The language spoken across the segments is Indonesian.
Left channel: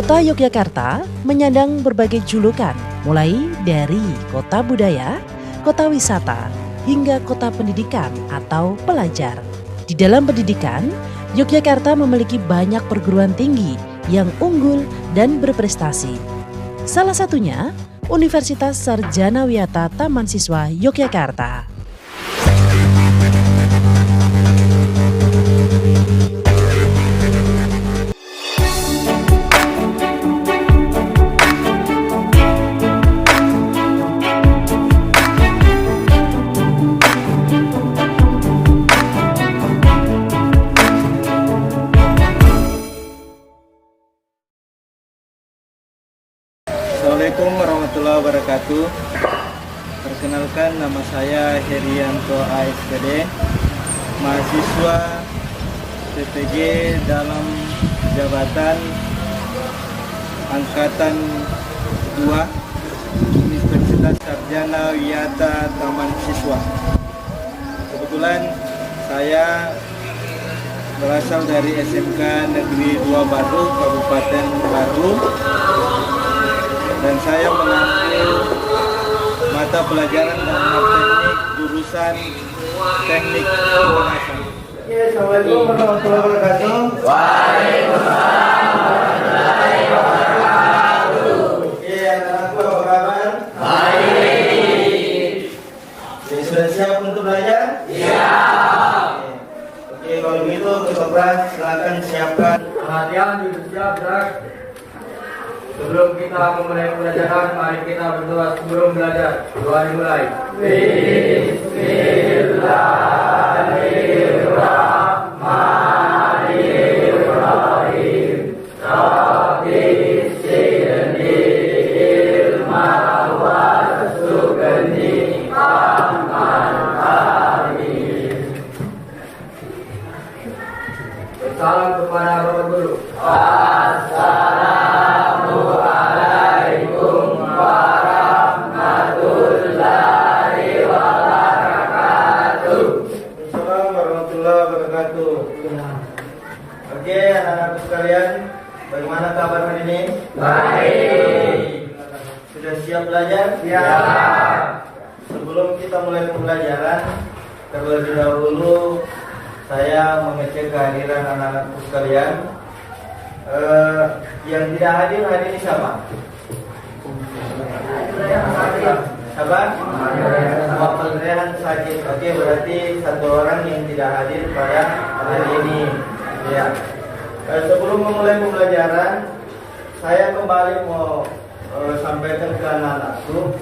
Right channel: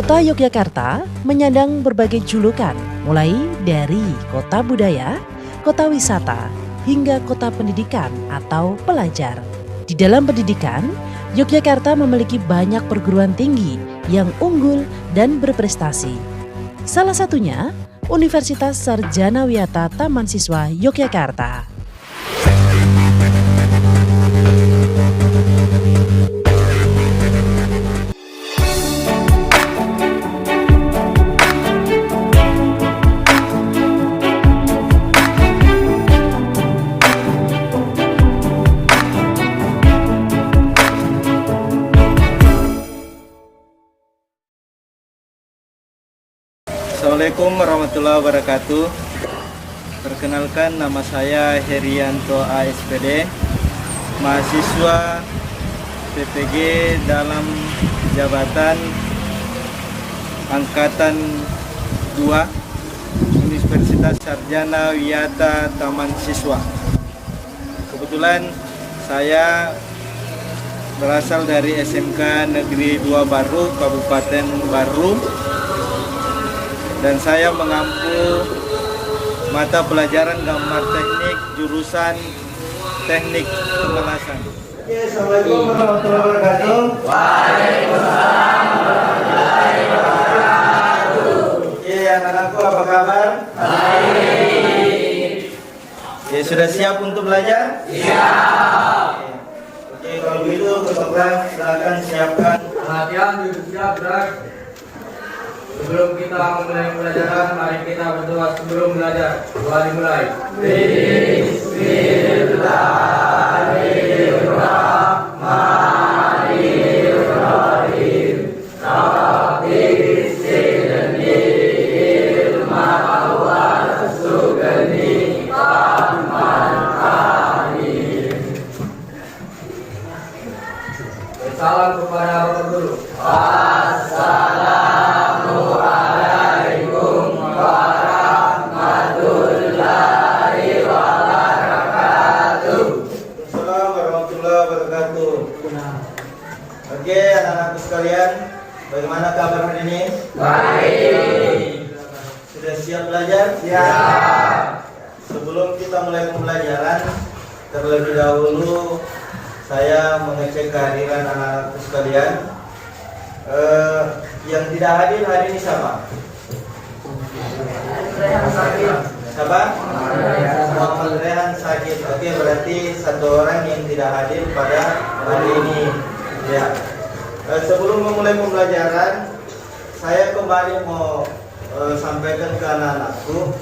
Kota Yogyakarta menyandang berbagai julukan, mulai dari kota budaya, kota wisata, hingga kota pendidikan atau pelajar. Di dalam pendidikan, Yogyakarta memiliki banyak perguruan tinggi yang unggul dan berprestasi. Salah satunya Universitas Sarjana Wiyata Taman Siswa Yogyakarta. Assalamualaikum warahmatullahi wabarakatuh. Perkenalkan, nama saya Herianto ASPD, mahasiswa PPG dalam jabatan Angkatan 2 Universitas Sarjana Wiyata Taman Siswa. Kebetulan saya berasal dari SMK Negeri 2 Baru, Kabupaten Baru, dan saya mengambil mata pelajaran gambar teknik jurusan teknik pemanasan. Assalamualaikum warahmatullahi wabarakatuh. Waalaikumsalam warahmatullahi wabarakatuh. Oke, anak-anakku, apa kabar? Baik. Oke, sudah siap untuk belajar? Siap. Oke, kalau begitu kelas silakan siapkan perhatian, duduk siap, gerak. Sebelum kita memulai pelajaran, mari kita berdoa sebelum belajar. Doa dimulai. Bismillahirrahmanirrahim. Rabbi zidni ilman warzuqni fahman amin. Salam kepada Bapak Guru. Assalamualaikum warahmatullahi wabarakatuh. Assalamualaikum warahmatullahi wabarakatuh. Oke, anak-anakku sekalian, bagaimana kabar hari ini? Baik. Sudah siap belajar? Siap. Sebelum kita mulai pembelajaran, terlebih dahulu saya mengecek kehadiran anak-anakku sekalian. Yang tidak hadir hari ini siapa? Siapa? Muhammad Rehan sakit. Oke, berarti satu orang yang tidak hadir pada hari ini. Ya. Sebelum memulai pembelajaran, saya kembali mau sampaikan ke anak-anakku,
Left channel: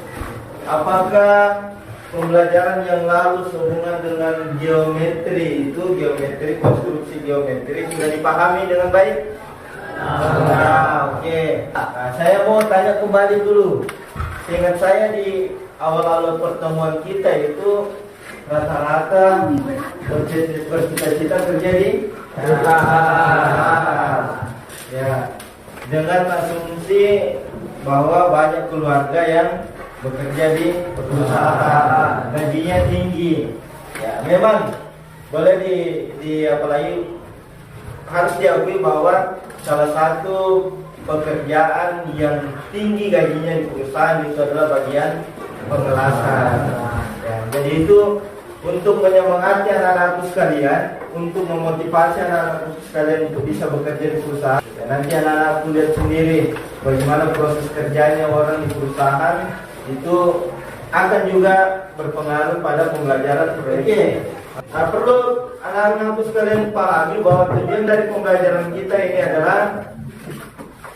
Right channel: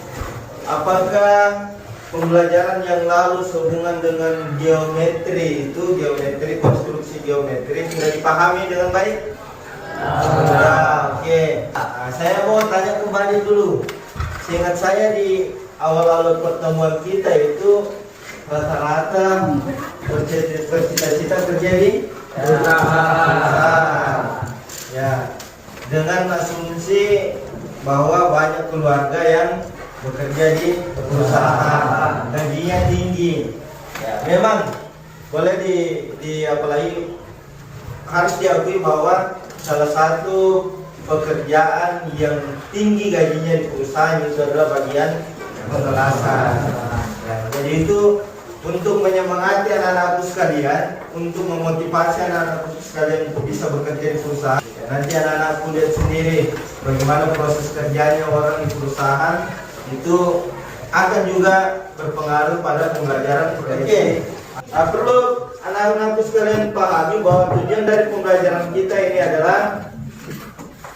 apakah pembelajaran yang lalu sehubungan dengan geometri konstruksi geometri sudah dipahami dengan baik? Oke. Nah, saya mau tanya kembali dulu. Seingat saya di awal-awal pertemuan kita itu rata-rata bercita-cita kerja di perusahaan. Ya, dengan asumsi bahwa banyak keluarga yang bekerja di perusahaan, gajinya tinggi. Ya, memang boleh apalagi harus diakui bahwa salah satu pekerjaan yang tinggi gajinya di perusahaan itu adalah bagian pengelasan. Ya, jadi itu untuk menyemangati anak-anakku sekalian, untuk memotivasi anak-anakku sekalian untuk bisa bekerja di perusahaan. Ya, nanti anak-anakku lihat sendiri bagaimana proses kerjanya orang di perusahaan itu akan juga berpengaruh pada pembelajaran proyek. Nah, perlu anak-anakku sekalian pahami bahwa tujuan dari pembelajaran kita ini adalah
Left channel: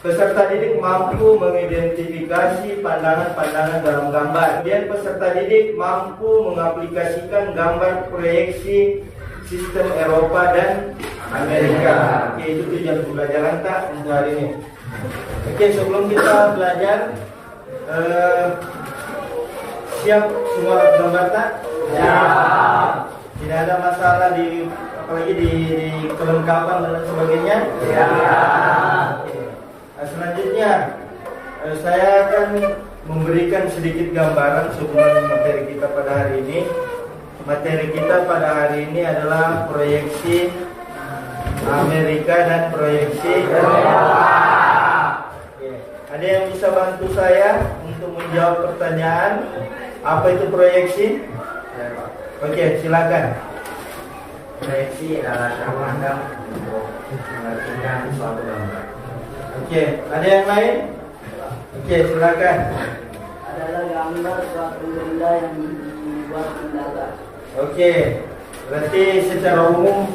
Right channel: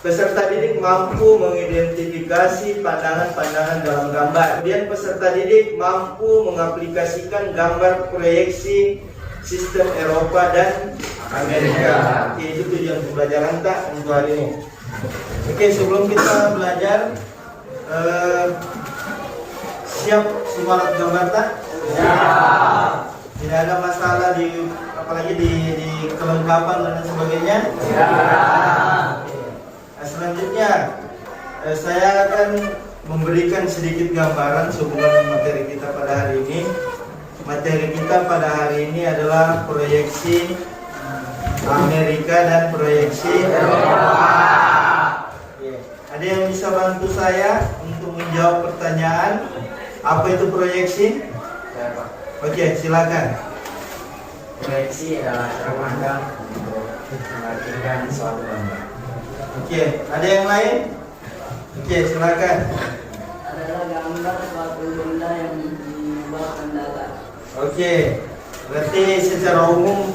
peserta didik mampu mengidentifikasi pandangan-pandangan dalam gambar. Kemudian peserta didik mampu mengaplikasikan gambar proyeksi sistem Eropa dan Amerika. Oke, itu tujuan pembelajaran kita untuk hari ini. Oke, sebelum kita belajar, siap semua alat gambar tak? Siap. Tidak ada masalah apalagi di kelengkapan dan sebagainya. Siap. Nah, selanjutnya saya akan memberikan sedikit gambaran sehubungan materi kita pada hari ini. Materi kita pada hari ini adalah proyeksi Amerika dan proyeksi Eropa. Ada yang bisa bantu saya untuk menjawab pertanyaan apa itu proyeksi? Ya, Pak. Oke, silakan. Proyeksi adalah cara pandang untuk mengartikan suatu gambar. Oke, ada yang lain? Oke, silakan. Adalah gambar suatu benda yang dibuat mendadak. Oke, berarti secara umum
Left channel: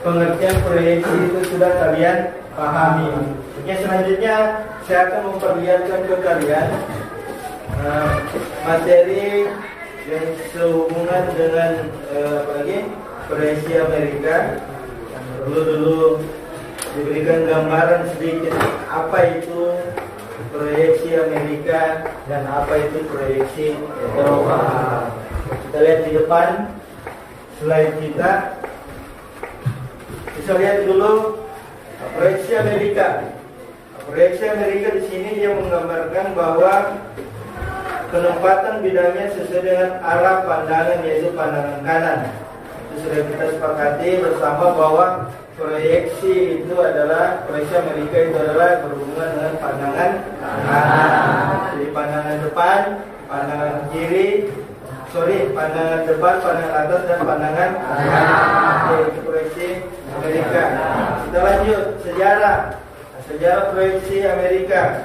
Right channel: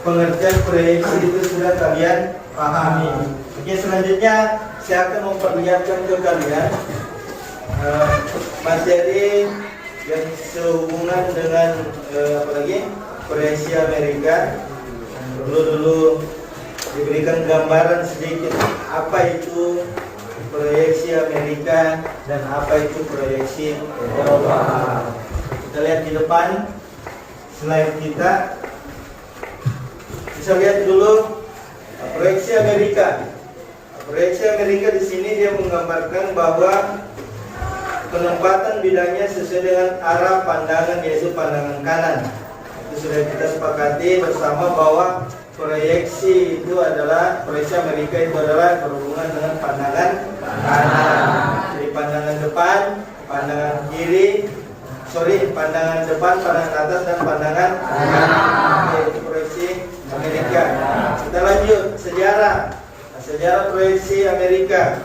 pengertian proyeksi itu sudah kalian pahami. Oke, selanjutnya saya akan memperlihatkan ke kalian materi yang sehubungan dengan apa lagi proyeksi Amerika. Dulu diberikan gambaran sedikit apa itu proyeksi Amerika dan apa itu proyeksi Eropa. Kita lihat di depan slide kita. Bisa lihat dulu proyeksi Amerika. Proyeksi Amerika di sini dia menggambarkan bahwa penempatan bidangnya sesuai dengan arah pandangan, yaitu pandangan kanan. Itu sudah kita sepakati bersama bahwa proyeksi itu adalah proyeksi Amerika itu adalah berhubungan dengan pandangan kanan. Jadi pandangan depan, pandangan kiri, pandangan depan, pandangan atas dan pandangan kanan. Oke, itu proyeksi Amerika. Kita lanjut sejarah. Sejarah proyeksi Amerika.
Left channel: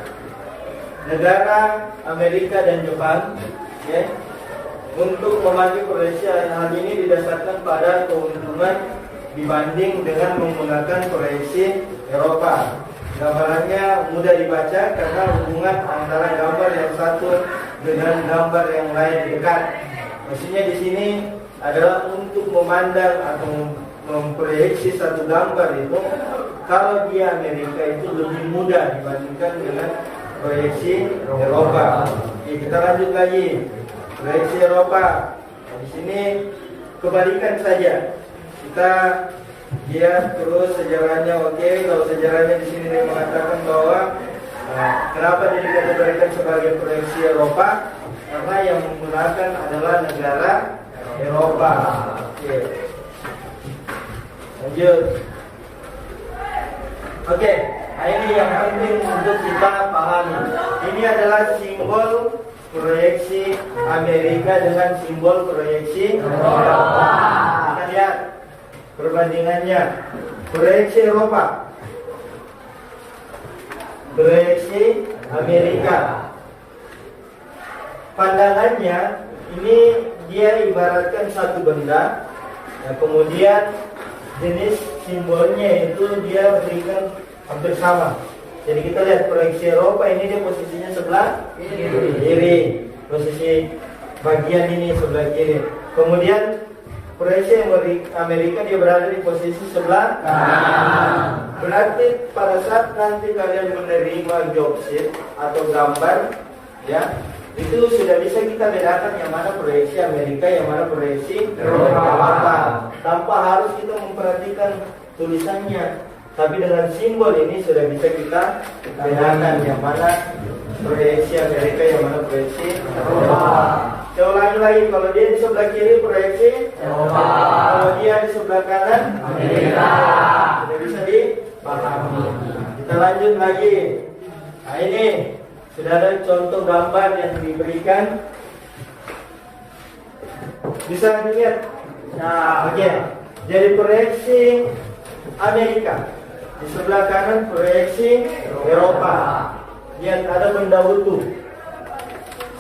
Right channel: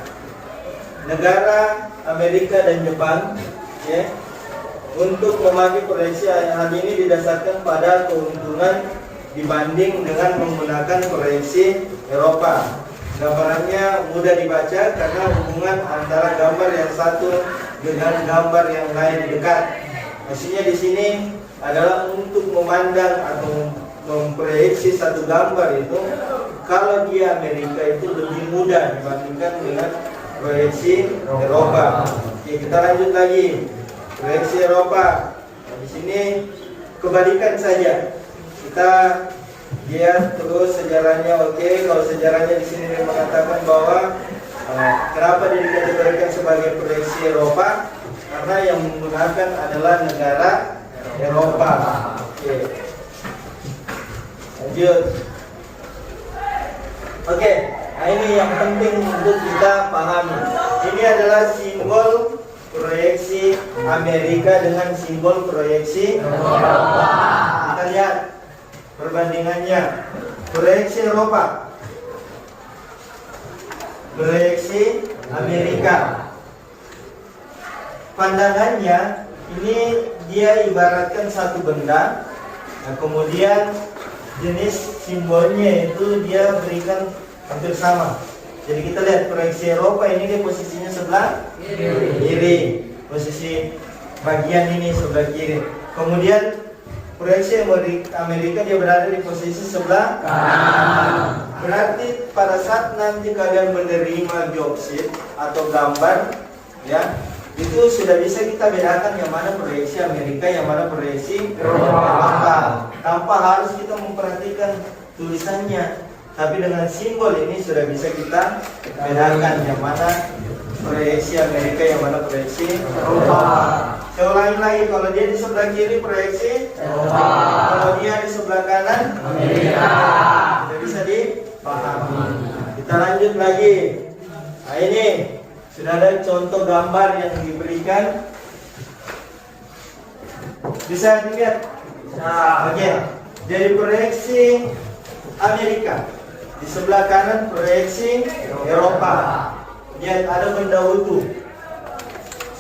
Negara Amerika dan Jepang, ya, untuk memakai proyeksi hal ini didasarkan pada keuntungan dibanding dengan menggunakan proyeksi Eropa. Gambarannya mudah dibaca karena hubungan antara gambar yang satu dengan gambar yang lain dekat. Hasilnya di sini adalah untuk memandang atau memproyeksi satu gambar itu, kalau di Amerika itu lebih mudah dibandingkan dengan proyeksi Eropa. Oke, kita lanjut lagi. Proyeksi Eropa. Nah, di sini kebalikan saja. Kita lihat terus sejarahnya. Oke, kalau sejarahnya di sini dia mengatakan bahwa kenapa dia dikategorikan sebagai proyeksi Eropa? Karena yang menggunakan adalah negara Eropa. Oke. Lanjut. Oke, nah ini yang penting untuk kita pahami. Ini adalah simbol proyeksi Amerika dengan simbol proyeksi Eropa. Kita lihat perbandingannya. Proyeksi Eropa, proyeksi Amerika. Pandangannya ini dia ibaratkan satu benda. Nah, kemudian jenis simbolnya itu dia berikan hampir sama. Jadi kita lihat proyeksi Eropa ini dia posisinya sebelah kiri. Posisi bagian ini sebelah kiri. Kemudian proyeksi Amerika dia berada di posisi sebelah kanan. Berarti pada saat nanti kalian menerima job sheet atau gambar, ya, itu sudah bisa kita bedakan yang mana proyeksi Amerika, yang mana proyeksi Eropa. Tanpa harus kita memperhatikan tulisannya, tapi dengan simbol ini sudah bisa kita bedakan yang mana proyeksi Amerika, yang mana proyeksi Eropa. Saya ulangi lagi, kalau dia di sebelah kiri proyeksi Eropa, kalau dia di sebelah kanan Amerika. Sudah bisa dipahami. Kita lanjut lagi. Nah ini sudah ada contoh gambar yang diberikan. Bisa dilihat. Nah, oke. Jadi proyeksi Amerika. Di sebelah kanan proyeksi Eropa. Lihat ada benda utuh.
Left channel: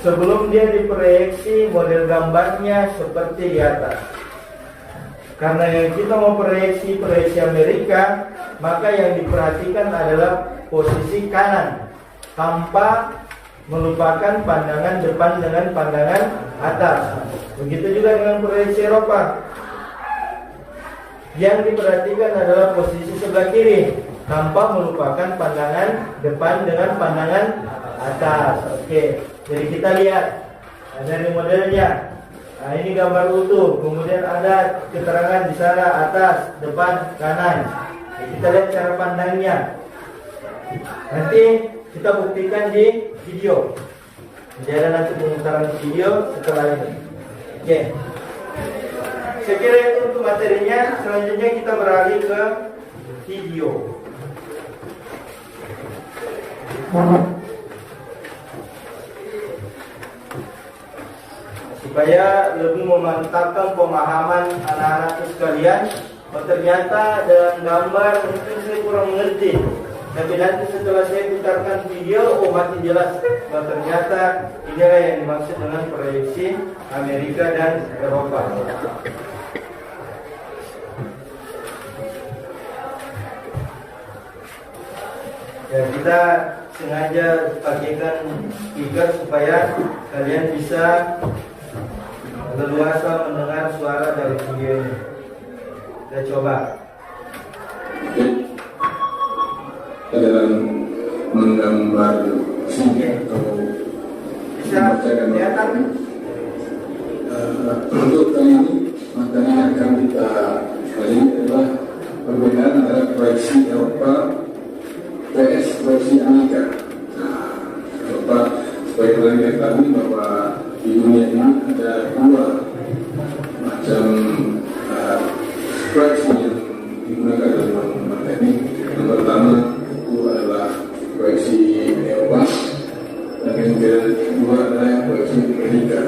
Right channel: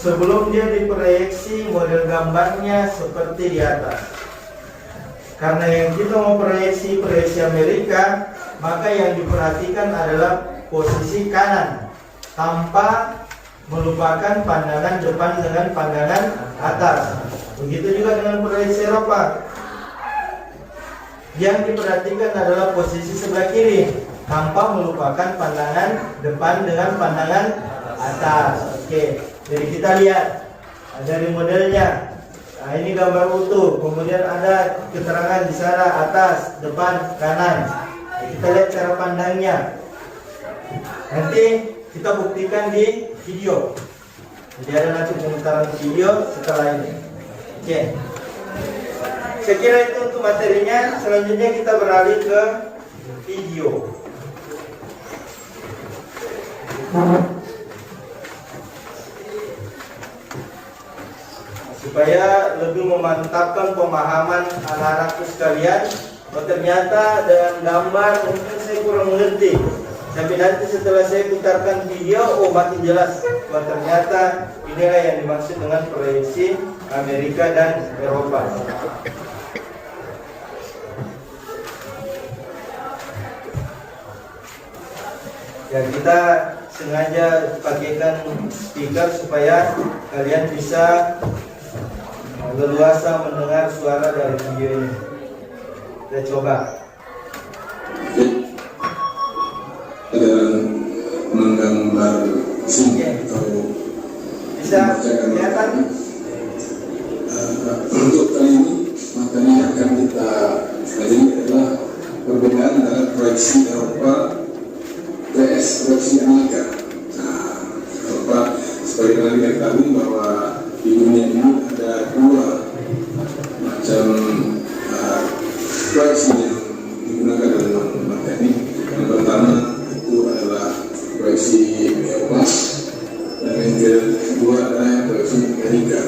Sebelum dia diproyeksi, model gambarnya seperti di atas. Karena yang kita mau proyeksi Amerika, maka yang diperhatikan adalah posisi kanan, tanpa melupakan pandangan depan dengan pandangan atas. Begitu juga dengan proyeksi Eropa. Yang diperhatikan adalah posisi sebelah kiri, tanpa melupakan pandangan depan dengan pandangan atas. Oke, jadi kita lihat dari modelnya. Nah, ini gambar utuh, kemudian ada keterangan di sana atas, depan, kanan. Nah, kita lihat cara pandangnya. Nanti kita buktikan di video. Jadi ada nanti pemutaran video setelah ini. Oke. Saya kira itu untuk materinya. Selanjutnya kita beralih ke video. supaya lebih memantapkan pemahaman anak-anakku sekalian. Oh, ternyata dalam gambar mungkin saya kurang mengerti, tapi nanti setelah saya putarkan video, oh makin jelas. Oh, ternyata inilah yang dimaksud dengan proyeksi Amerika dan Eropa. Ya, kita sengaja pakaikan speaker supaya kalian bisa leluasa mendengar suara dari video ini. Kita coba. Dan menggambar sini atau Bisa kelihatan? untuk kali ini materi yang akan kita pelajari adalah perbedaan antara proyeksi Eropa vs proyeksi Amerika. Eropa sebagai yang kita ketahui bahwa di dunia ini ada dua macam proyeksi yang digunakan dalam teknik. Yang pertama itu adalah proyeksi Eropa dan yang kedua adalah proyeksi Amerika.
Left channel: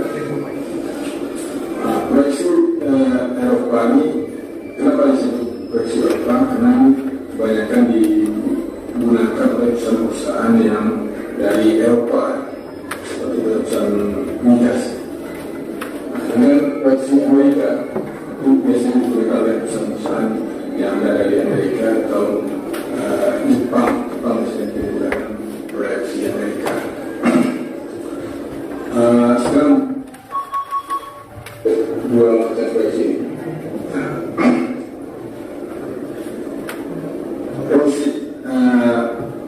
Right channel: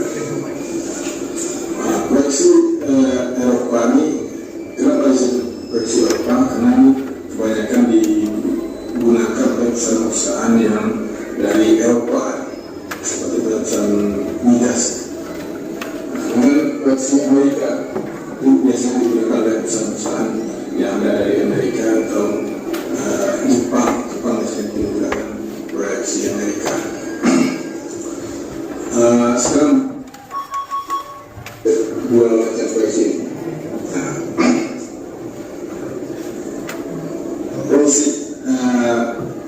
Proyeksi Eropa ini kenapa disebut proyeksi Eropa? Karena kebanyakan digunakan oleh perusahaan-perusahaan yang dari Eropa seperti perusahaan migas. Kemudian proyeksi Amerika itu biasanya digunakan oleh perusahaan-perusahaan yang ada dari Amerika atau Jepang biasanya digunakan proyeksi Amerika. Sekarang dua macam proyeksi ini. Proyeksi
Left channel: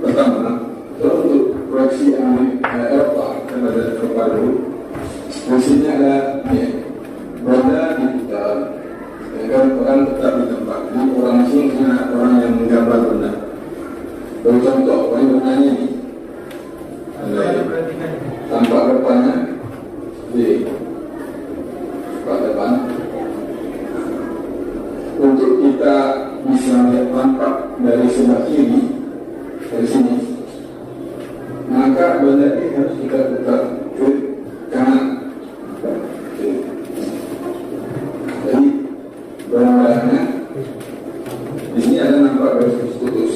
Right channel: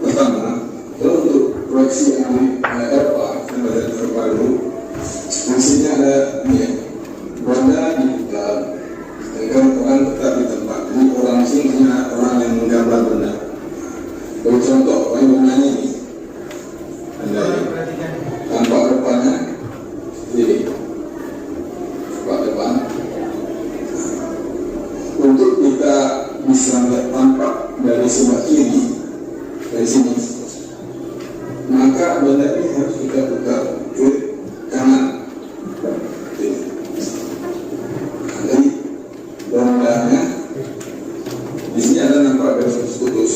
pertama, kalau untuk proyeksi Eropa, kita baca Eropa dulu. Proyeksinya ada ini, roda diputar, sedangkan orang tetap di tempat. Ini orang asing punya orang yang menggambar benda. Bagi contoh, bendanya ini, tampak rupanya, jadi depan. Untuk kita bisa melihat tampak dari sebelah kiri dari sini, maka benda ini harus kita putar ke kanan. Jadi bendanya di sini ada nampak garis putus.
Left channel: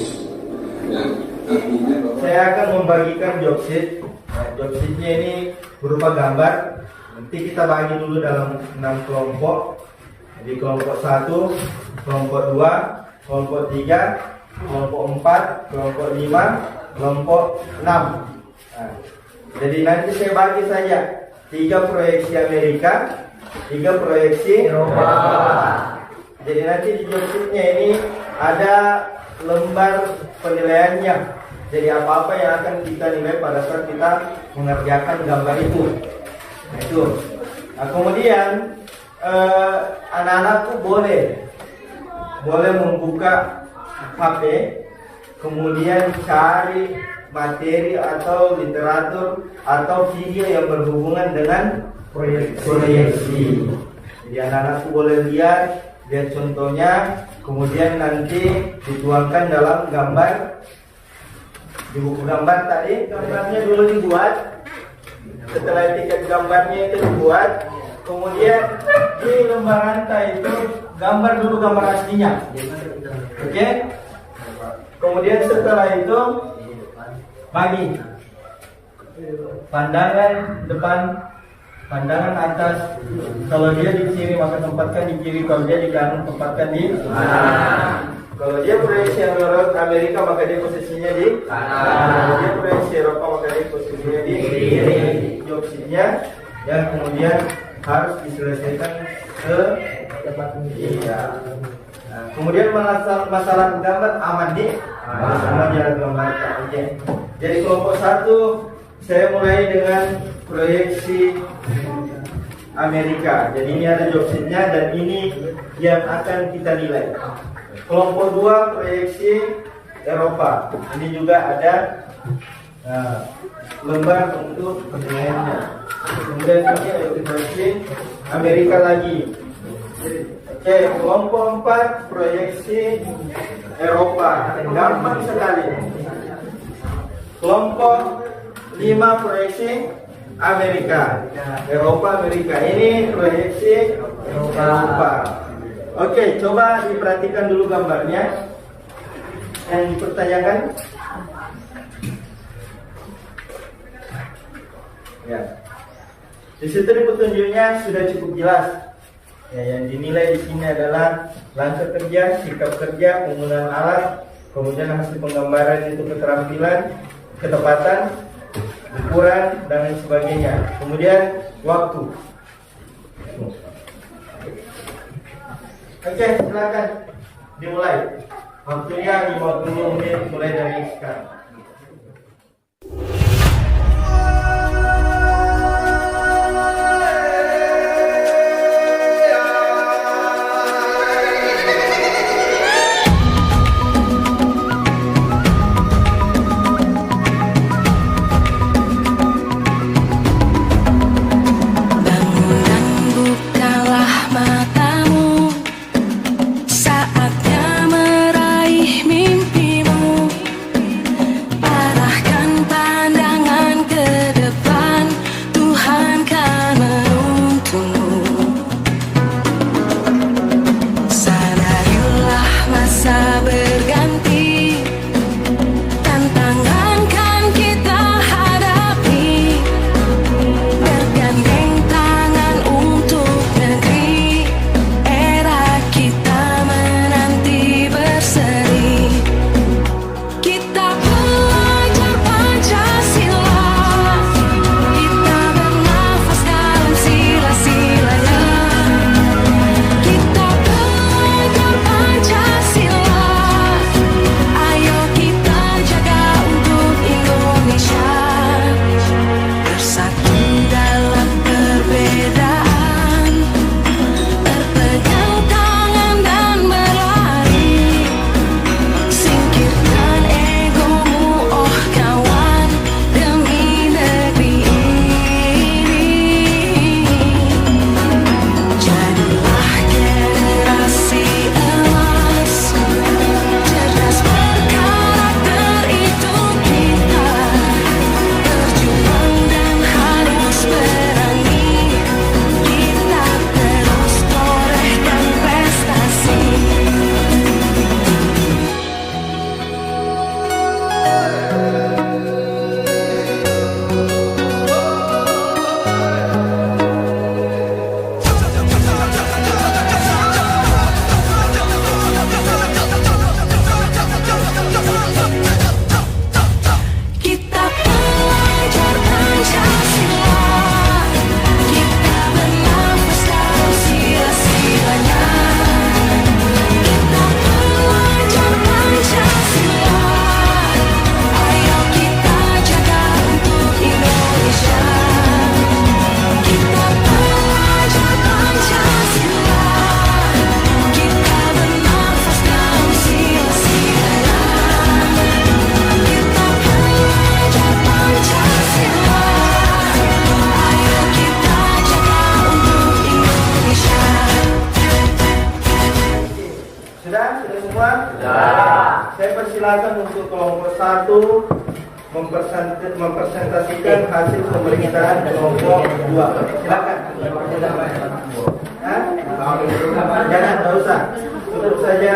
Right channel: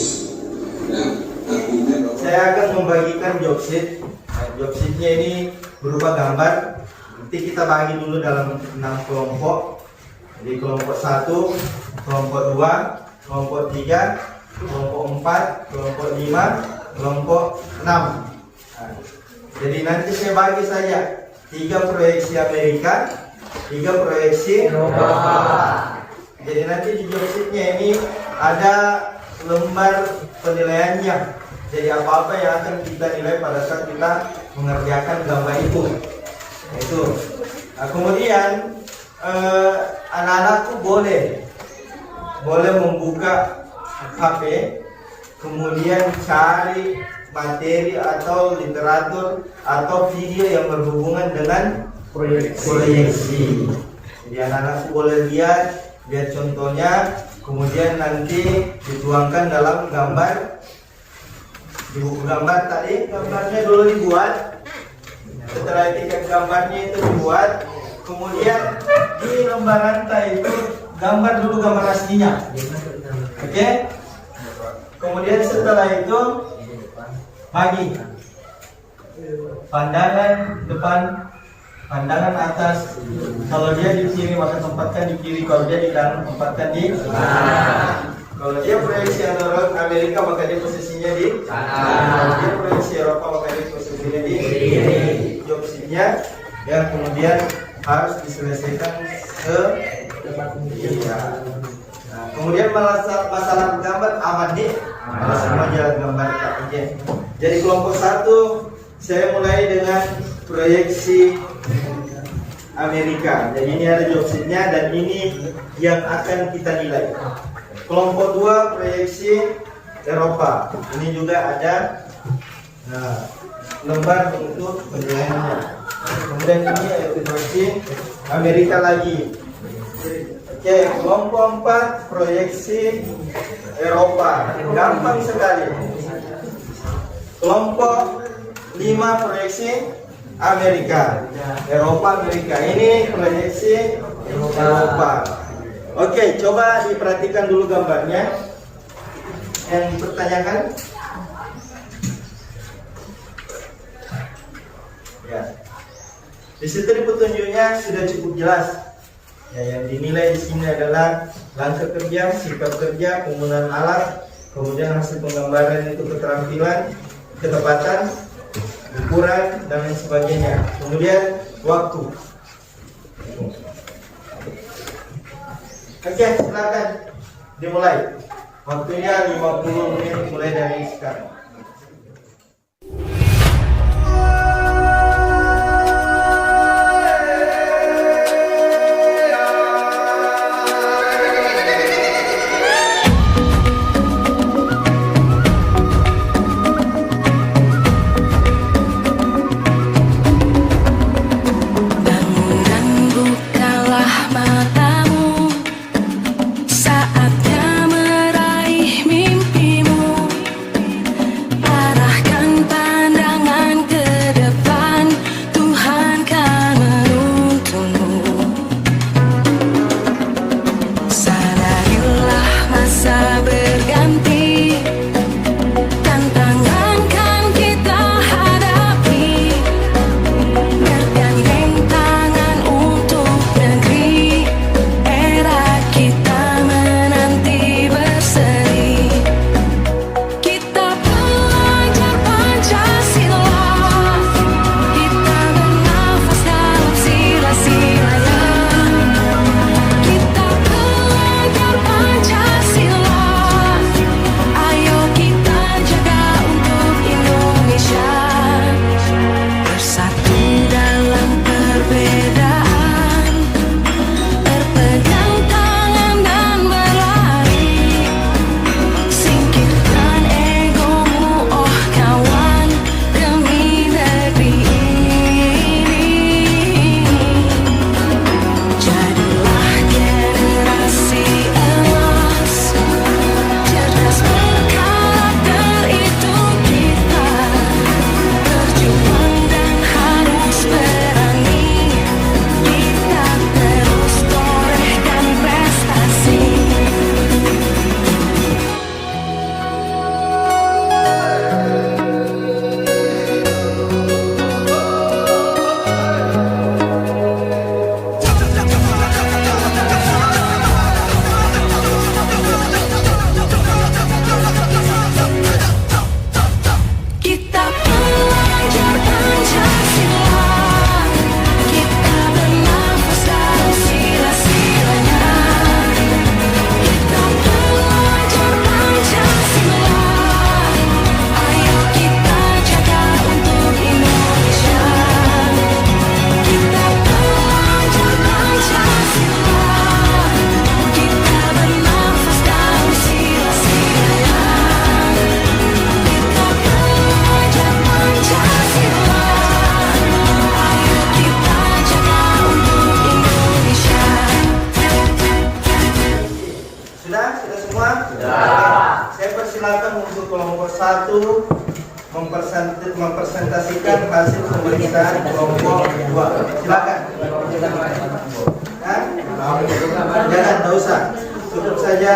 Nah, artinya Saya akan membagikan job sheet. Nah, job sheetnya ini berupa gambar. Nanti kita bagi dulu dalam 6 kelompok. Jadi kelompok 1, kelompok 2, kelompok 3, kelompok 4, kelompok 5, kelompok 6. Nah, jadi nanti saya bagi saja 3 proyeksi Amerika, 3 proyeksi Eropa. Jadi nanti di job sheetnya ini ada lembar penilaiannya. Jadi apa-apa yang akan kita nilai pada saat kita mengerjakan gambar itu. Itu. Nah, kemudian anak-anakku boleh membuka HP, kemudian cari materi atau literatur atau video yang berhubungan dengan proyeksi. Jadi anak-anakku boleh lihat contohnya, kemudian nanti dituangkan dalam gambar. Di buku gambar tadi, gambarnya dulu dibuat. Setelah tiket gambarnya itu dibuat, kemudian di lembar rantai itu gambar dulu gambar aslinya. Oke? Kemudian setelah itu bagi pandangan depan, pandangan atas. Kalau dia di kiri maka tempatkan di kiri, kalau dia di kanan tempatkan di kanan. Kalau dia proyeksi Amerika maka dia posisinya di kanan. Kalau dia proyeksi Eropa maka dia posisinya di kiri. Job sheet-nya yang kemudian harus diselesaikan Nah, kemudian masalah gambar aman nih, sama jalan gambar. Oke. Jadi kelompok 1 saya mulai dengan proyeksi Amerika. Jadi ini ada job sheet-nya dan ini yang akan kita nilai. Kelompok 2 proyeksi Eropa. Ini juga ada lembar untuk penilaiannya. Kemudian ini ada proyeksi Amerika lagi. Oke, kelompok 4 proyeksi Eropa. Gampang sekali. Kelompok 5 proyeksi Amerika. Eropa, Amerika. Ini proyeksi Eropa. Oke, coba diperhatikan dulu gambarnya yang dipertanyakan. Ya, di situ petunjuknya sudah cukup jelas. Ya, yang dinilai di sini adalah langkah kerja, sikap kerja, penggunaan alat, kemudian hasil penggambaran itu keterampilan, ketepatan, ukuran dan lain sebagainya. Kemudian waktu. Oke, silakan dimulai. Waktunya 50 menit mulai dari sekarang. Bangun dan bukalah matamu, saatnya meraih mimpimu. Arahkan pandangan ke depan, Tuhan kan menuntunmu. Sadarilah masa berganti, tantangan kan kita hadapi. Bergandeng tangan untuk negeri, era kita menanti berseri. Kita pelajar Pancasila, kita bernafas dalam sila-silanya. Kita pelajar Pancasila, ayo kita jaga untuk Indonesia. Bersatu dalam perbedaan, berpegang tangan dan berlari. Singkirkan egomu, oh kawan, demi negeri ini. Jadilah generasi emas, cerdas berkarakter itu kita. Berjuang dan harus berani, kita terus torehkan prestasi. Kita pelajar Pancasila, kita bernafas dalam sila-silanya. Kita pelajar Pancasila, ayo kita jaga untuk Indonesia. Kita pelajar Pancasila, kita bernafas dalam sila-silanya. Kita pelajar Pancasila, ayo kita jaga untuk Indonesia. Sudah semua? Sudah. Saya persilakan untuk kelompok 1 mempresentasikan hasil pemeriksaan kelompok 2. Silakan. Hah? Jangan, tidak usah. Cukup saja.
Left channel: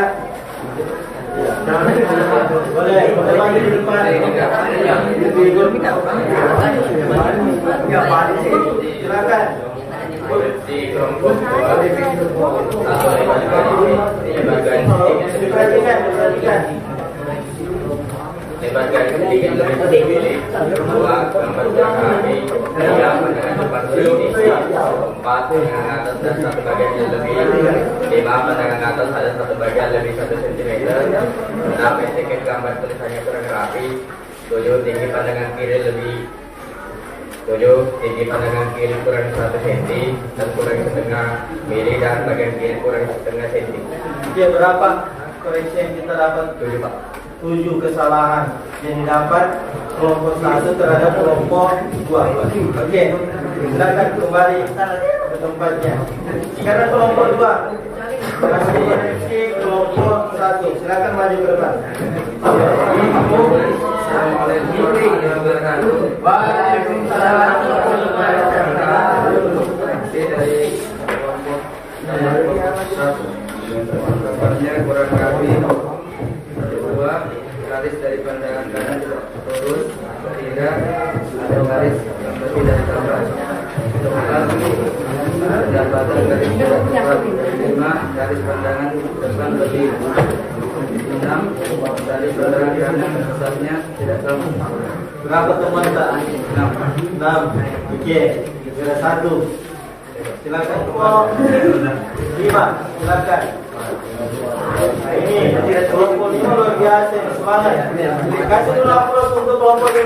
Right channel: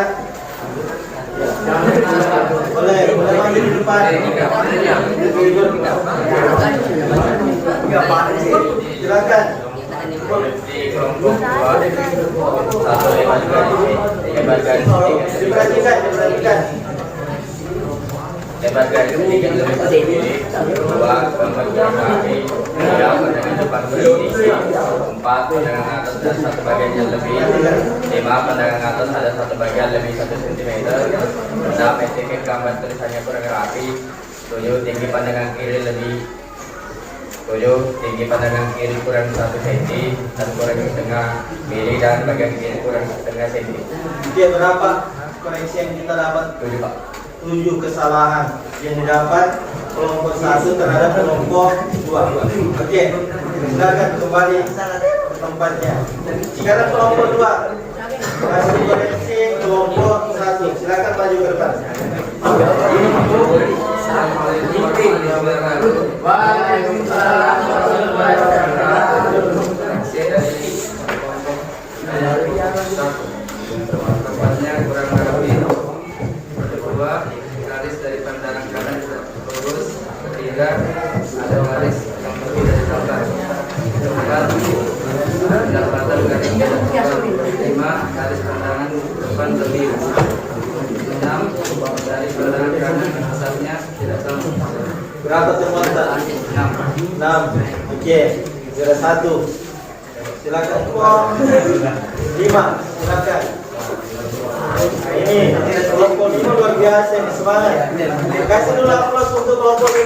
Boleh maju di depan. Silakan. Kelompok 2 atau lebar garis Perhatikan. lebar garis sedikit lebih sedikit. 2 gambar gerak kaki. 3 pandangan depan berhenti. 4 pandangan atas dan satu bagian yang lebih. 5 pandangan atas ada satu bagian lebih 1 cm. 6 etiket gambar tulisannya kurang rapi. 7 tinggi pandangan kiri lebih. 7 tinggi pandangan kiri kurang 1 cm dan kurang setengah mili dan bagian kiri kurang setengah cm. Dia berapa koreksi yang kita dapat? 7 Pak. 7 kesalahan yang didapat kelompok 1 terhadap kelompok 2. Oke, silakan kembali ke tempatnya. Sekarang kelompok 2 hasil koreksi kelompok 1. Silakan maju ke depan. Waalaikumsalam warahmatullahi wabarakatuh. Tempatnya kurang rapi. Kedua, garis dari pandangan kanan tidak lurus. Ketiga, ada garis yang lebih dari gambar. Keempat, pendapatan garis tidak tepat. Lima, garis pandangan depan lebih. Enam, garis pandangan kanan atasnya tidak sama. Berapa teman-teman? 6. Oke. Kira 1. Silakan. 5. Silakan. Ini kelompok 5 luar biasa ini, semangat. Kasih dulu aplaus untuk kelompok 5.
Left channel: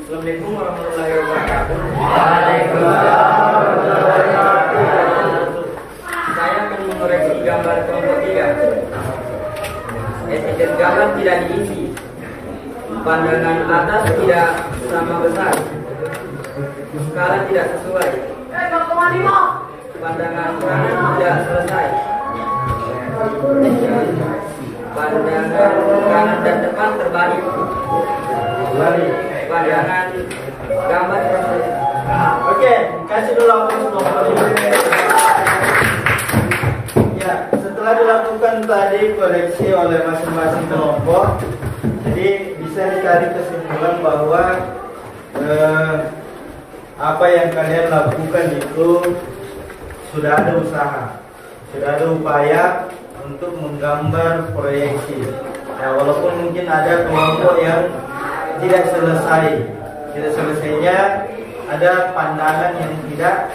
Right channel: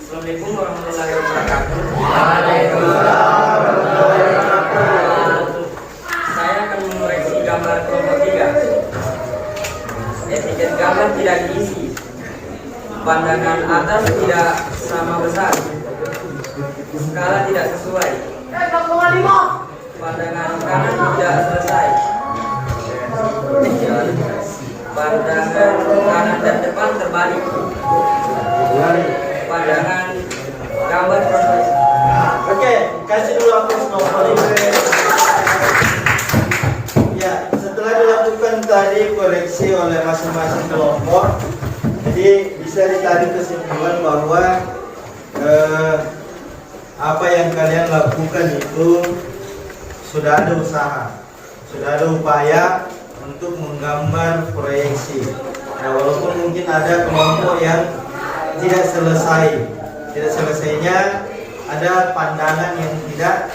Assalamualaikum warahmatullahi wabarakatuh. Saya akan mengoreksi gambar kelompok 3. Etiket gambar tidak diisi. Pandangan atas tidak sama besar. Skala tidak sesuai. Pandangan kanan tidak selesai. Pandangan kanan dan depan terbalik. Pandangan gambar proses. Oke, kasih dulu aplaus kelompok 5. Ya, setelah dilakukan tadi koreksi oleh masing-masing kelompok, jadi bisa ditarik kesimpulan bahwa apa yang kalian lakukan itu sudah ada usaha, sudah ada upaya untuk menggambar proyeksi. Ya, walaupun mungkin ada kelompok yang tidak selesainya ada pandangan yang tidak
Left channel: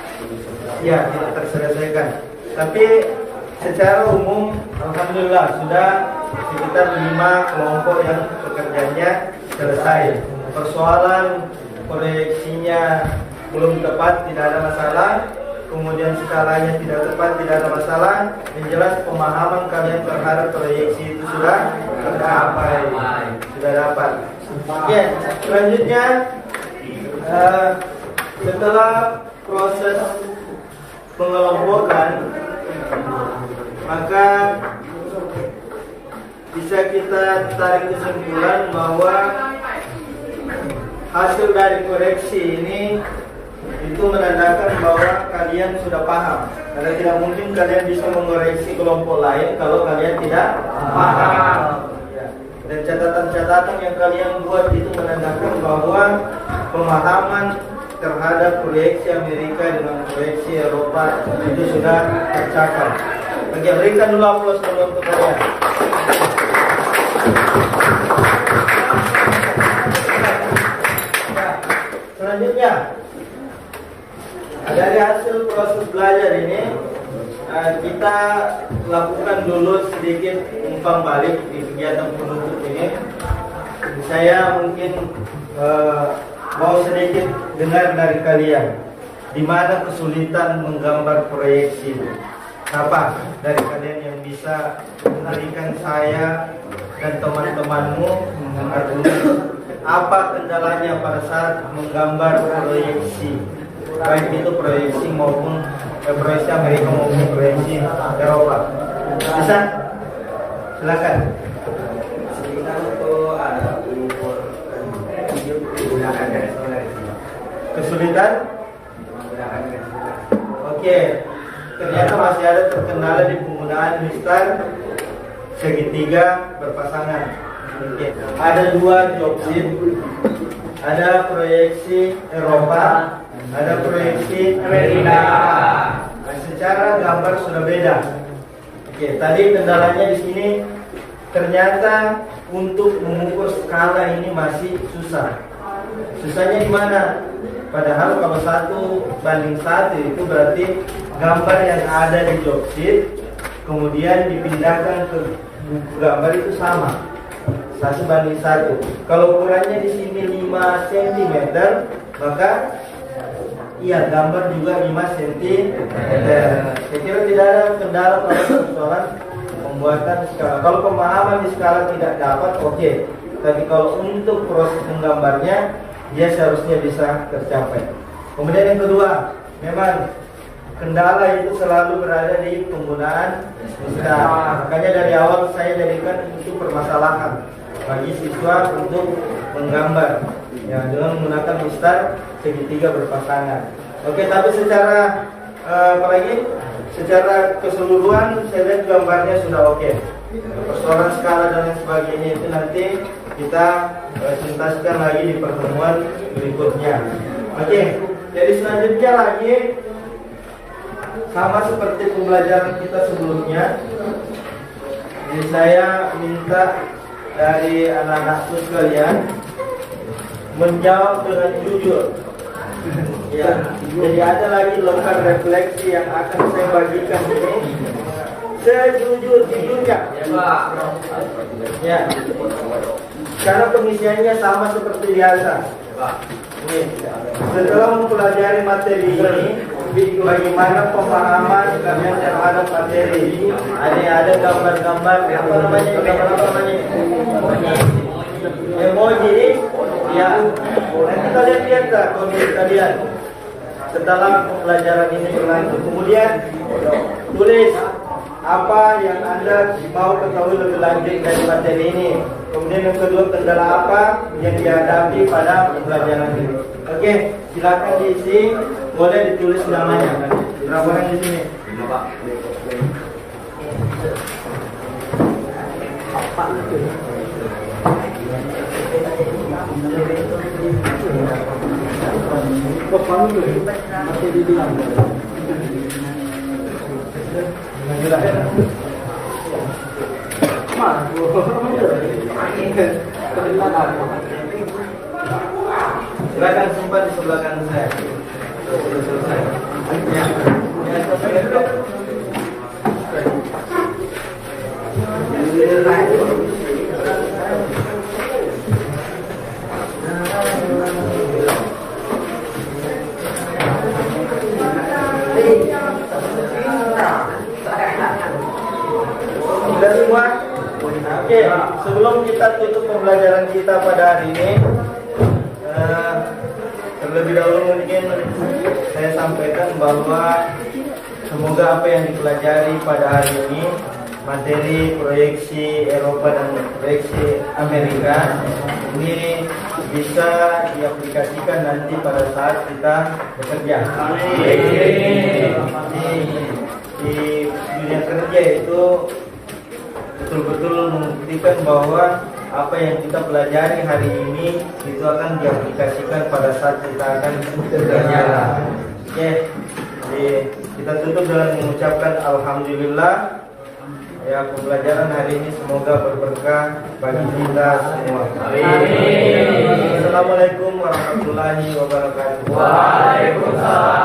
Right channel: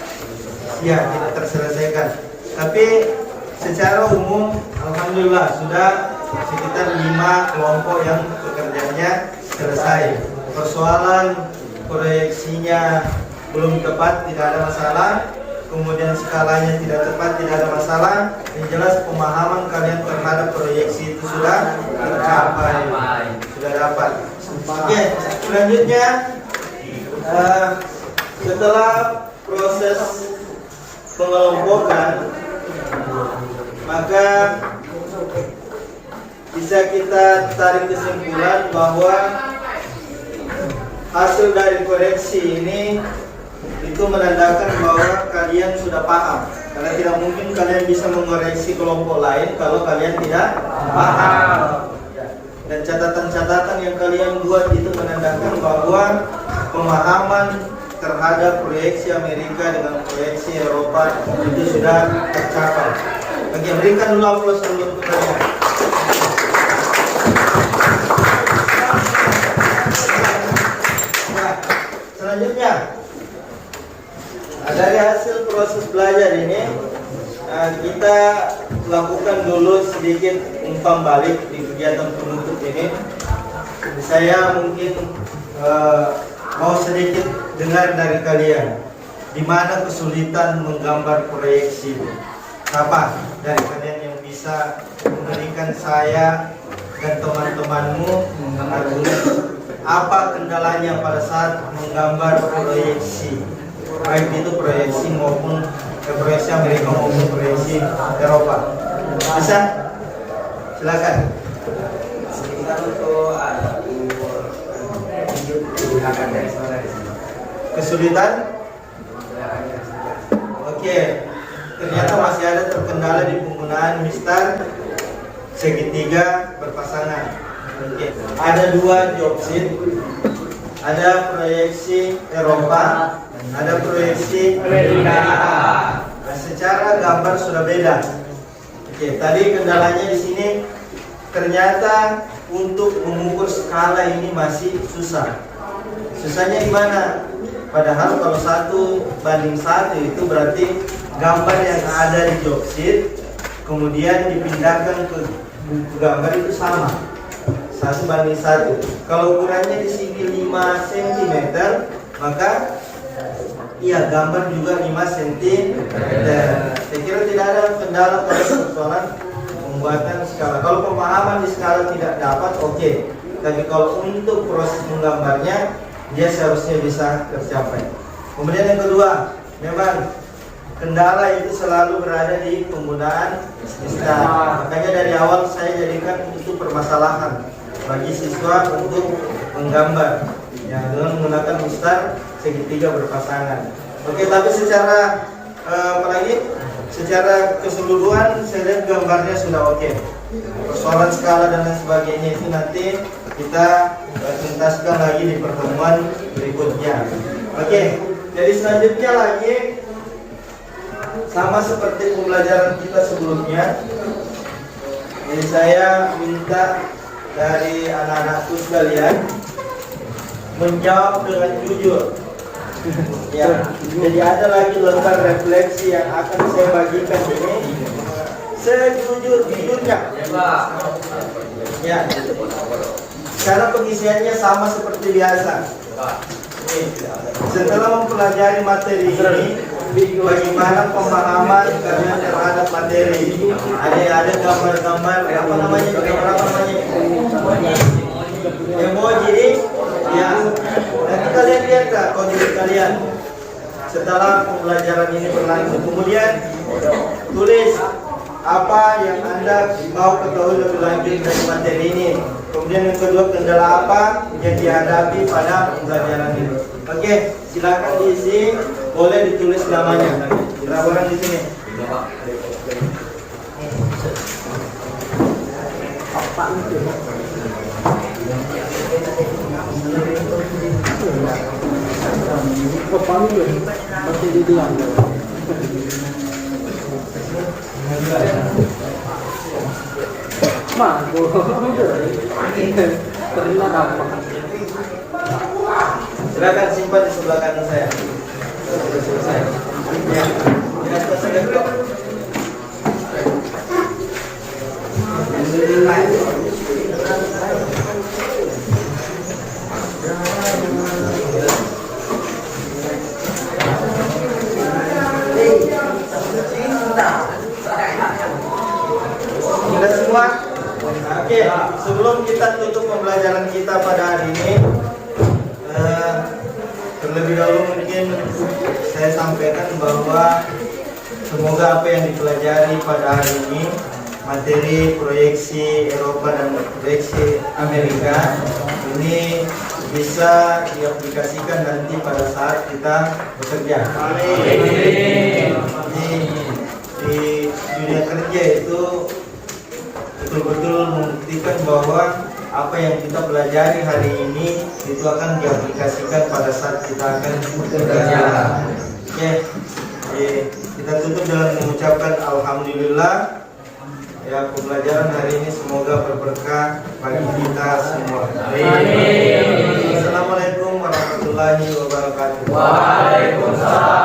terselesaikan. Tapi secara umum, alhamdulillah sudah sekitar 5 kelompok yang pekerjaannya selesai. Persoalan proyeksinya belum tepat tidak ada masalah, kemudian skalanya tidak tepat tidak ada masalah. Yang jelas pemahaman kalian terhadap proyeksi itu sudah tercapai, sudah dapat. Oke, selanjutnya setelah proses pengelompokan, maka bisa kita tarik kesimpulan bahwa hasil dari koreksi ini itu menandakan bahwa kalian sudah paham. Karena tidak mungkin kalian bisa mengoreksi kelompok lain kalau kalian tidak paham. Dan catatan-catatan yang kalian buat itu menandakan bahwa pemahaman terhadap proyeksi Amerika dengan proyeksi Eropa itu sudah tercapai. Oke, berikan dulu aplaus dulu untuk kalian. Nah, selanjutnya dari hasil proses belajar ini kita lakukan dulu sedikit umpan balik di kegiatan penutup ini. Saya mungkin mau sedikit dengar dari kalian, di mana kesulitan menggambar proyeksi. Apa dari kalian yang bisa memberikan saya dan teman-temanmu argumen apa kendalanya pada saat menggambar proyeksi, baik itu proyeksi maupun proyeksi Amerika maupun proyeksi Eropa? Bisa? Silakan. Kesulitan? Oke. Ternyata masih ada terkendala di penggunaan mistar segitiga berpasangan. Oke. Ada 2 job sheet. Ada proyeksi Eropa, ada proyeksi Amerika. Nah, secara gambar sudah beda. Oke, tadi kendalanya di sini ternyata untuk mengukur skala ini masih susah. Susahnya di mana? Padahal kalau 1:1 itu berarti gambar yang ada di job sheet kemudian dipindahkan ke buku gambar itu sama. 1:1. Kalau ukurannya di sini 5 cm, maka iya gambar juga 5 cm. Saya kira tidak ada kendala pada persoalan pembuatan skala. Kalau pemahaman di skala tidak dapat, oke. Tapi kalau untuk proses menggambarnya, dia seharusnya bisa tercapai. Kemudian yang kedua, memang kendala itu selalu berada di penggunaan mistar. Makanya dari awal saya jadikan itu permasalahan bagi siswa untuk menggambar, ya, dengan menggunakan mistar segitiga berpasangan. Oke, tapi secara apalagi secara keseluruhan saya lihat gambarnya sudah oke. Persoalan skala dan lain sebagainya itu nanti kita tuntaskan lagi di pertemuan berikutnya. Oke, jadi selanjutnya lagi sama seperti pembelajaran kita sebelumnya. Jadi saya minta dari anak-anakku sekalian menjawab dengan jujur. Ya, jadi ada lagi lembar refleksi yang akan saya bagikan ini sejujur-jujurnya. Ya, karena pengisiannya sama seperti biasa. Setelah mempelajari materi ini, bagaimana pemahaman kalian terhadap materi? Ada gambar-gambar apa namanya? Emoji, ya. Nanti kalian lihat tak kondisi kalian setelah pembelajaran ini berlangsung. Kemudian tulis apa yang Anda mau ketahui lebih lanjut dari materi ini. Kemudian yang kedua, kendala apa yang dihadapi pada pembelajaran ini. Oke, silakan diisi, boleh ditulis namanya. Berapa di sini? Silakan simpan di sebelah kanan saya. Sudah selesai. Ya, di atas laptop. Sudah semua? Oke, sebelum kita tutup pembelajaran kita pada hari ini, terlebih dahulu mungkin saya sampaikan bahwa semoga apa yang dipelajari pada hari ini, materi proyeksi Eropa dan proyeksi Amerika, ini bisa diaplikasikan nanti pada saat kita bekerja. Di dunia kerja itu betul-betul membuktikan bahwa apa yang kita pelajari hari ini itu akan diaplikasikan pada saat kita akan bekerja. Oke, jadi kita tutup dengan mengucapkan alhamdulillah. Ya, pembelajaran hari ini semoga berberkah bagi kita semua. Amin. Assalamualaikum warahmatullahi wabarakatuh. Waalaikumsalam.